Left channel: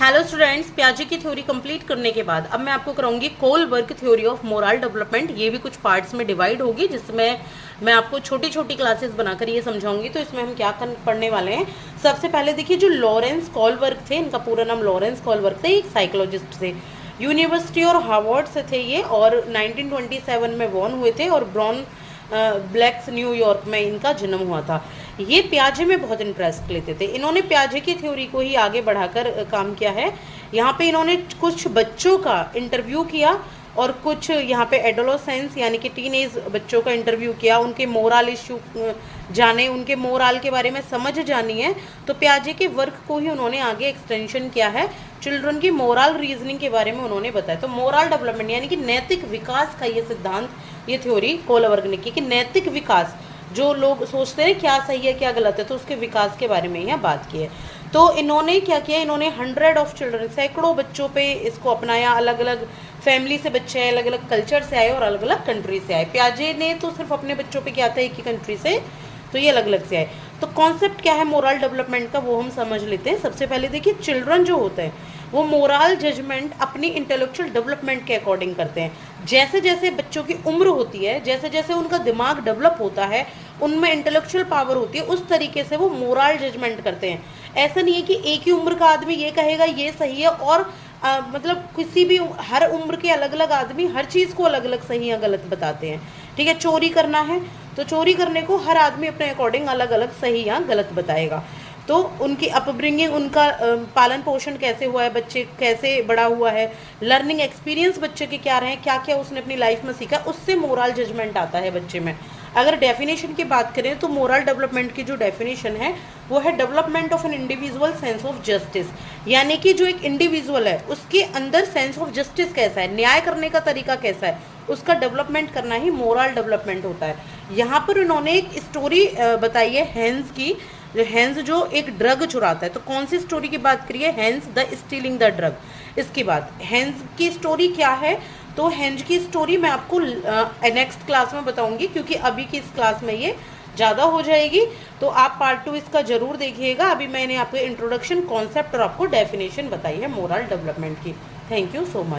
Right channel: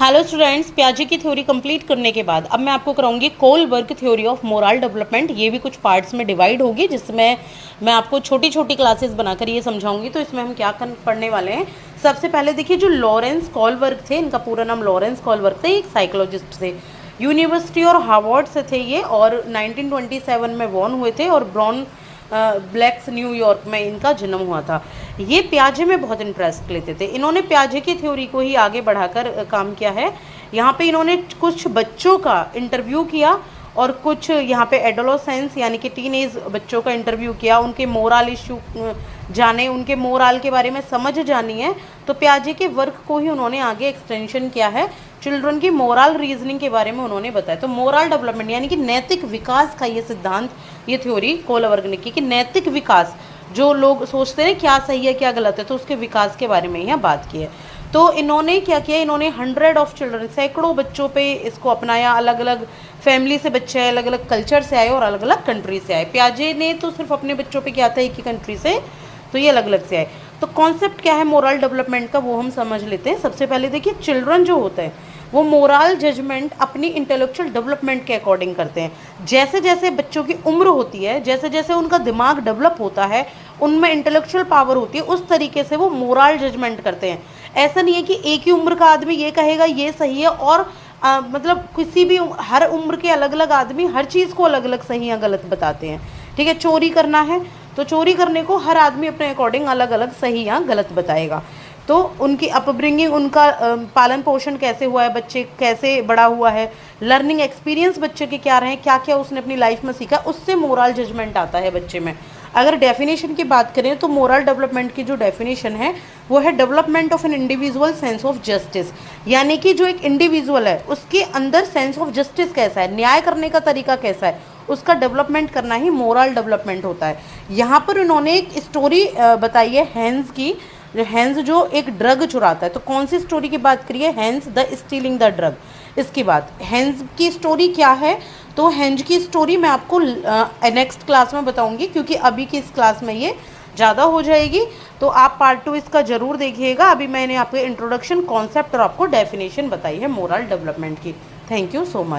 Hello students, पियाजे की theory complete करने के बाद अब मैं आपको कराऊंगी Kohlberg theory of moral development. ये भी कुछ पार्ट्स में डिवाइड होगी, जिसमें मैं आपको छोटी छोटी क्लासेस बनाकर ये समझाऊंगी। तो इसमें हम क्या पढ़ने वाले हैं, सबसे पहले देखिए जो लॉरेंस कोलबर्ग थे, इनका पूरा नाम लॉरेंस कोलबर्ग थे, एक साइकोलॉजिस्ट थे, यूनिवर्सिटी और हार्वर्ड से थे ये, और 1927 में बॉर्न हुए थे और ब्रॉन ब्लैक्स न्यूयॉर्क में इनका जन्म हुआ था। ये पियाजे में बहुत इंटरेस्ट लेते थे। इन्होंने पियाजे की थ्योरी को ही आगे बढ़ाकर काम किया है। यहाँ पे इन्होंने कुछ बच्चों का इंटरव्यू किया और कुछ यहाँ पे एडोलोसेंस यानी कि टीनेज बच्चों का इंटरव्यू किया, उनके मोरल इश्यू जाने, उनके मोरल के बारे में समझ जानी है। तो पियाजे के वर्क को ही उन्होंने आगे एक्सटेंशन किया है, चिल्ड्रन की मोरल रीजनिंग के बारे में उन्होंने बताया। तो मोरल डेवलपमेंट यानी कि नैतिक विकास का ये सिद्धांत, ये थ्योरी कोलबर्ग ने की कि नैतिक विकास, जो लोग सोचते हैं क्या सही है क्या गलत है, तो उसके विकास के बारे में यहाँ बात की है। तो इन्होंने क्या किया, इन्होंने 100 ऑफ चिल्ड्रन, सैकड़ों बच्चों पे इसको अपनाया। अलग अलग फैमिली से बच्चे आए, अलग अलग कल्चर से आए और अलग अलग कंट्री से आए। पियाजे ने तो सिर्फ अपने बच्चों पे किया था एक ही कंट्री से, तो ये अलग अलग से आए। तो कॉन्सेप्ट क्या है मोरल डेवलपमेंट का, वो हम समझ लेते हैं। सबसे पहले देखिए, चिल्ड्रन जो होते हैं वो मोरल जजमेंट अपनी इंटेलेक्चुअल डेवलपमेंट के अकॉर्डिंग करते हैं। जैसे जैसे बच्चों की उम्र होती है, जैसे जैसे उनका दिमाग डेवलप होता है, उनमें इंटेलेक्चुअल पावर होती है, उस तरीके से वो मोरल जजमेंट करते हैं। ऐसा नहीं है कि एक ही उम्र का आदमी ये कहेगा ये सही है, और मतलब किसी भी हर उम्र के अलग अलग आदमी हर चीज़ को अलग अलग सही या गलत बताते हैं। ठीक है, चोरी करना है तो चोरी करने को हर आदमी अपने अकॉर्डिंग अलग अलग सही या गलत बताएगा। तो उनकी अपब्रिंगिंग, उनका पालन पोषण कैसे हुआ है, बच्चे कैसे बड़ा हुआ है, लर्निंग एक्सपीरियंस बच्चे के क्या रहे, क्या क्या उसने अपनी लाइफ में सीखा, उससे मोरल जजमेंट आता है बच्चे में। अगर डेफिनेशन की बात करें तो मोरल डेवलपमेंट की जो डेफिनेशन है वो है development of an individual sense of justice, यानी कि जो एक इंडिविजुअल है उसके अंदर सेंस ऑफ जस्टिस कैसा है, न्याय करने का तरीका कैसा है, उसका डेवलपमेंट करना ही मोरल डेवलपमेंट होता है। यहाँ पर उन्होंने एक स्टोरी बताई है हैंस की। हैंस जो एक ड्रग चुराता है, तो कौन सी स्टोरी की बात करिए, Heinz the stealing the drug, इसकी बात। हैंस की स्टोरी क्या है, तो हैंस की स्टोरी मैं आपको नेक्स्ट क्लास में बताऊंगी, क्योंकि अभी की इस क्लास में ये ज़्यादा हो जाएगी। तो आप पार्ट 2 इसका जरूर देखिएगा। अभी मैंने आपको इंट्रोडक्शन, कॉन्सेप्ट और आपको डेफिनेशन बताई है मोरल डेवलपमेंट की। Thank you so much.